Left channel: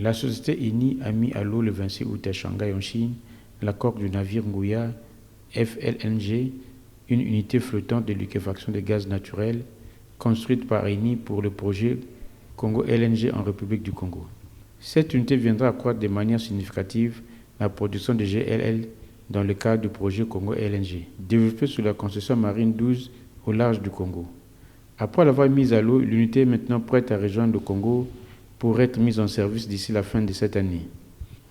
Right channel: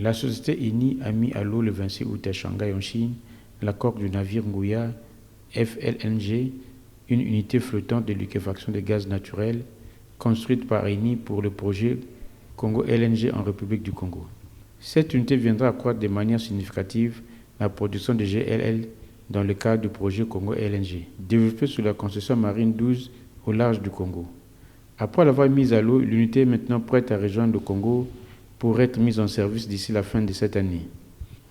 La société Eni a mis à l'eau le 26 août à Shanghai en Chine la coque du navire Nguya FLNG, une unité flottante de liquéfaction de gaz naturel construite par Eni pour le projet Congo LNG en République du Congo. Cette unité viendra accroître de manière significative la production de GLL dans le cadre du projet Congo LNG, développé sous la concession marine 12 au large du Congo. Après l'avoir mise à l'eau, l'unité est maintenant prête à rejoindre le Congo pour être mise en service d'ici la fin de cette année.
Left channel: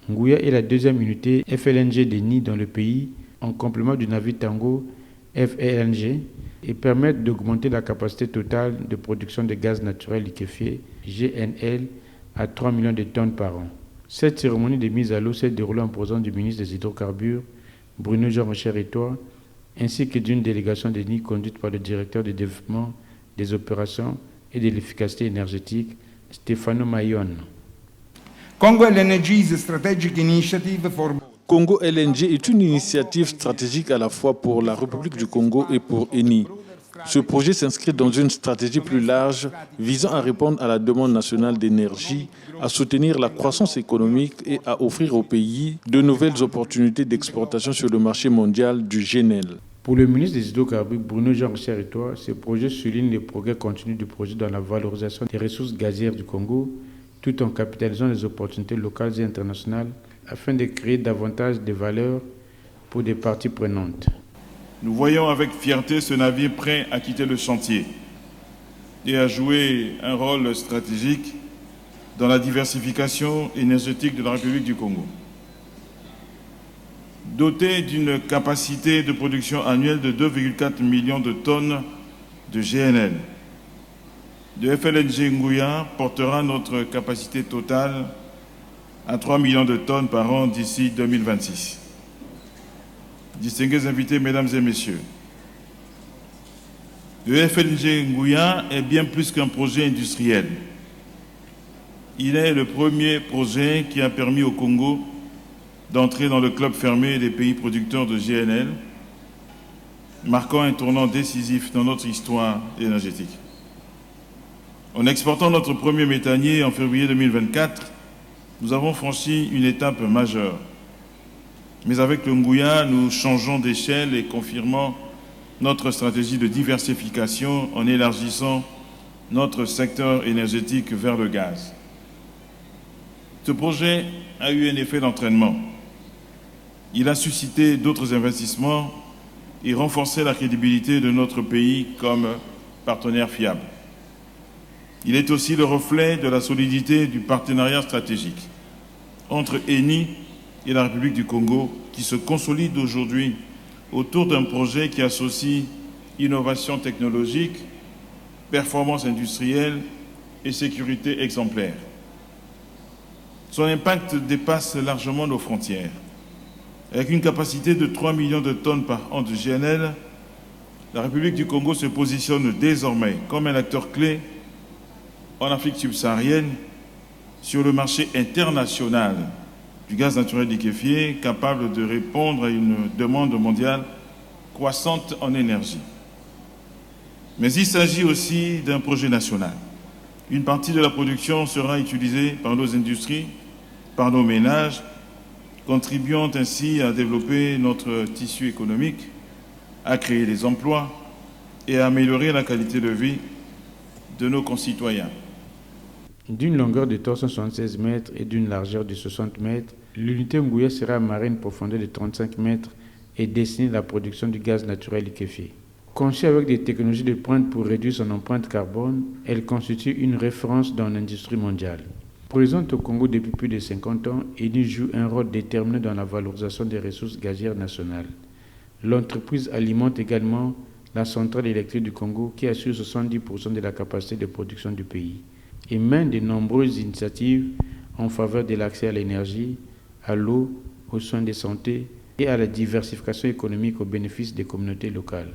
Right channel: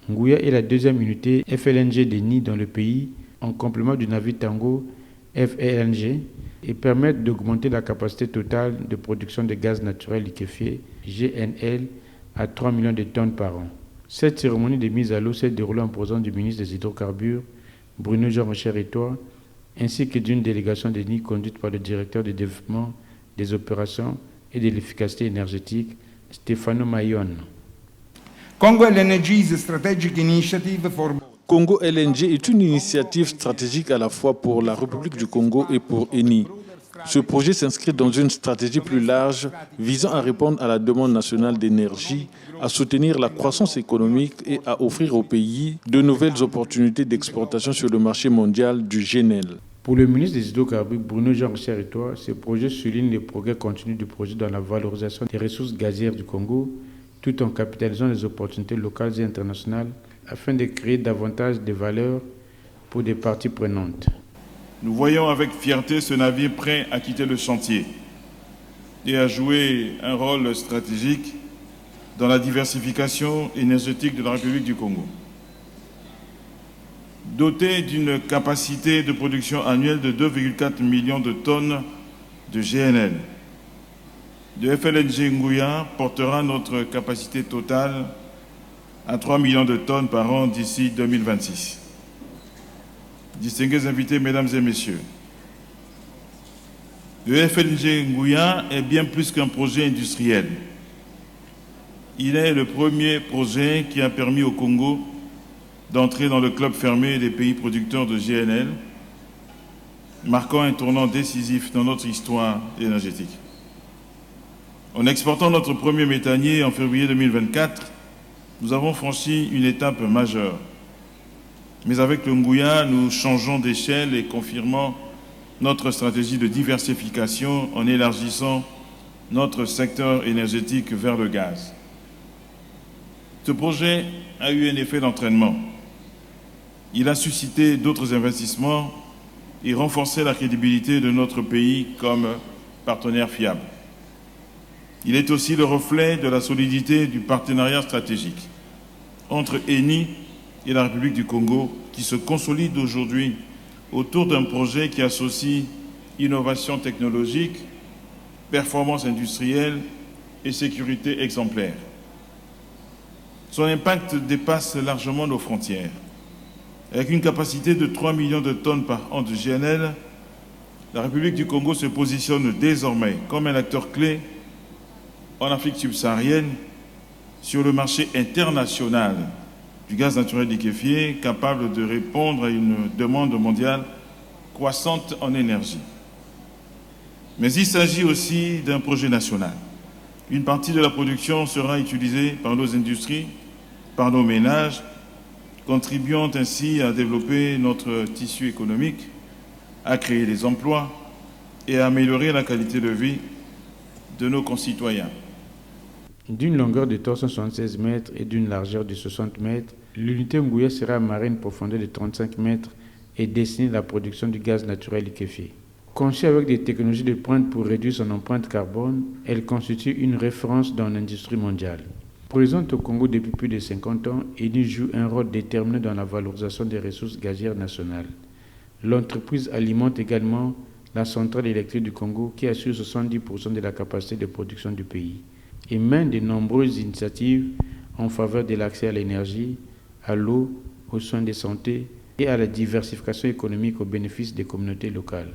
Nguya est la deuxième unité FLNG d'Eni dans le pays, en complément du navire Tango FLNG, et permettent d'augmenter la capacité totale de production de gaz naturel liquéfié GNL à 3 millions de tonnes par an. Cette cérémonie de mise à l'eau s'est déroulée en présence du ministre des Hydrocarbures, Bruno Jean-Michel Retour, ainsi que d'une délégation d'Eni conduite par le directeur de développement des opérations et de l'efficacité énergétique, Stefano Mayon. Congo LNG is a strategic initiative for Congo LNG est une initiative stratégique à la fois pour la République du Congo et pour Eni. Ce projet s'inscrit dans une stratégie plus large visant à répondre à la demande nationale d'énergie, à soutenir la croissance économique et à offrir au pays de nouvelles opportunités d'exportation sur le marché mondial du GNL. Pour le ministre des Hydrocarbures, Bruno Jean-Michel Retour, ce projet souligne les progrès continus du projet dans la valorisation des ressources gazières du Congo, tout en capitalisant les opportunités locales et internationales afin de créer davantage de valeur pour des parties prenantes. Nous voyons avec fierté ce navire prêt à quitter le chantier et à jouer un rôle stratégique dans la diversification énergétique de la République du Congo. Doté d'une capacité de production annuelle de 2,4 millions de tonnes de GNL, le FLNG Nguya portera notre capacité totale à 3 millions de tonnes par an d'ici 2026. Distingués invités, mesdames et messieurs, le FLNG Nguya est bien plus qu'un projet industriel. Il est le premier projet qui a permis au Congo d'entrer dans le club fermé des pays producteurs de GNL, marquant un tournant décisif dans notre histoire énergétique. En exportant notre premier méthanier en février 2024, nous avons franchi une étape majeure. Mais avec le Nguya, nous changeons d'échelle et confirmons notre stratégie de diversification en élargissant notre secteur énergétique vers le gaz. Ce projet a eu un effet d'entraînement. Il a suscité d'autres investissements et renforcé la crédibilité de notre pays comme partenaire fiable. Il est aussi le reflet de la solidité du partenariat stratégique entre Eni et la République du Congo qui se consolide aujourd'hui autour d'un projet qui associe innovation technologique, performance industrielle et sécurité exemplaire. Son impact dépasse largement nos frontières. Avec une capacité de 3 millions de tonnes par an de GNL, la République du Congo se positionne désormais comme un acteur clé en Afrique subsaharienne sur le marché international du gaz naturel liquéfié, capable de répondre à une demande mondiale croissante en énergie. Mais il s'agit aussi d'un projet national. Une partie de la production sera utilisée par nos industries, par nos ménages, contribuant ainsi à développer notre tissu économique, à créer des emplois et à améliorer la qualité de vie de nos concitoyens. D'une longueur de 376 mètres et d'une largeur de 60 mètres, l'unité Nguya sera amarrée à une profondeur de 35 mètres et destinée à la production du gaz naturel liquéfié. Conçue avec des technologies de pointe pour réduire son empreinte carbone, elle constitue une référence dans l'industrie mondiale. Présente au Congo depuis plus de 50 ans, Eni joue un rôle déterminant dans la valorisation des ressources gazières nationales. L'entreprise alimente également la centrale électrique du Congo qui assure 70% de la capacité de production du pays et mène de nombreuses initiatives en faveur de l'accès à l'énergie, à l'eau, aux soins de santé et à la diversification économique au bénéfice des communautés locales.